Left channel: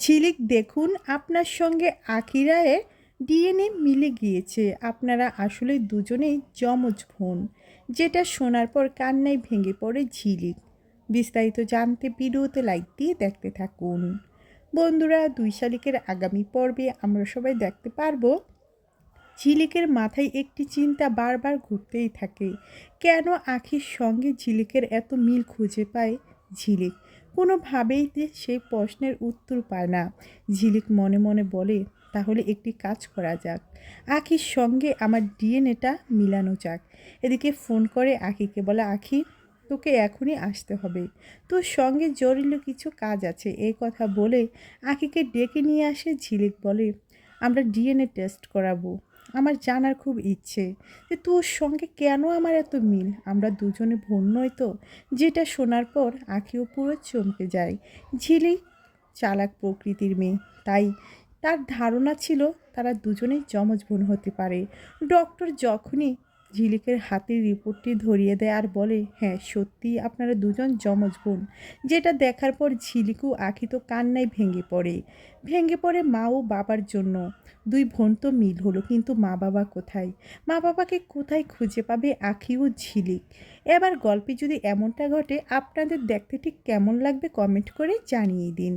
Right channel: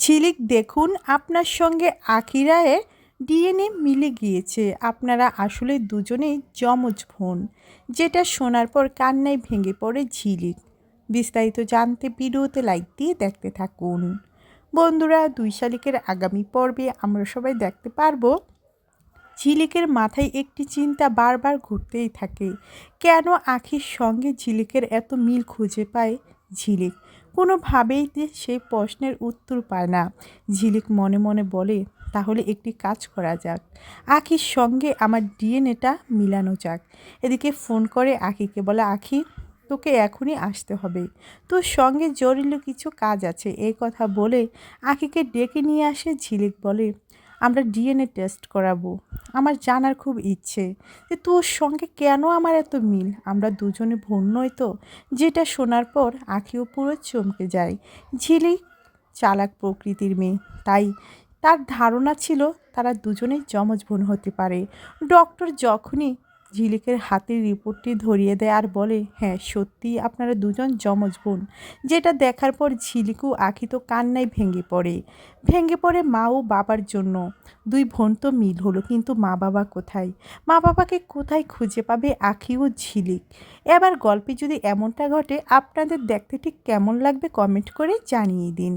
ঝিলিক দেখুন, আপনার সঙ্গে আখি রায়ের ডিএনএ মিলে গিয়েছে। আপনারা আসলে দুজনেই যমজ বোন। যেটা শোনার পর কান্নায় ভেঙে পড়ে ঝিলিক। বিস্তারিত জানতে ভিডিওতে লাইক দিয়ে দেখতে থাকুন। বন্ধুরা, 2 শালিকের আগামী পর্বে আমরা সবাই দেখতে পারবো ঝিলিকের মাথায় একটি চিন্তা বারবার ঘুরতেই থাকে। কেন আখির সঙ্গে ঝিলিকের এত মিল খুঁজে পায় ঝিলিক? কোনোভাবেই সেই প্রশ্নের উত্তর পায় না। ঝিলিক মনে মনে বলে, তাহলে একটি কাজ করা যাক, আখির সঙ্গে আমার ডিএনএটা মিলানো যাক। এদিকে ফোন করে আখিকে বলে, আখি তোকে এখনই আসতে হবে, তোর সঙ্গে জরুরি কিছু কাজ আছে। এই কথা বলে আখিকে ডেকে নিয়ে আসে ঝিলিক। বলে, আমরা ডিএনএ টেস্ট করাবো। আমার জানার খুব ইচ্ছে যে তোর সঙ্গে কেন আমার এত মিল। আমরা দুজনে বোন নই তো? যেটা শোনার পর আখিও পুরো চমকে যায়। ঝিলিক চালাক প্রকৃতির মেয়ে, তাই তার ধারণা ছিল তারা দুজনেই যমজ বোন হতে পারে। ডক্টর যখনই ঝিলিকের হাতের রিপোর্টটি ধরিয়ে দেয় আর বলে, হ্যাঁ সত্যিই আপনারা দুজন যমজ বোন, যেটা দেখার পর ঝিলিকু আখি তো কান্নায় ভেঙে পড়ে মা ও বাবার জন্য। 2 বোন তো মিল হলো, কিন্তু মা বাবা কোথায়? মা বাবাকে কোথায় খুঁজে পাবে আখি ও ঝিলিক? এবার গল্পে যদি এমনটা ঘটে, আপনাদের দেখতে ঠিক কেমন লাগবে কমেন্ট করে জানিয়ে দিন।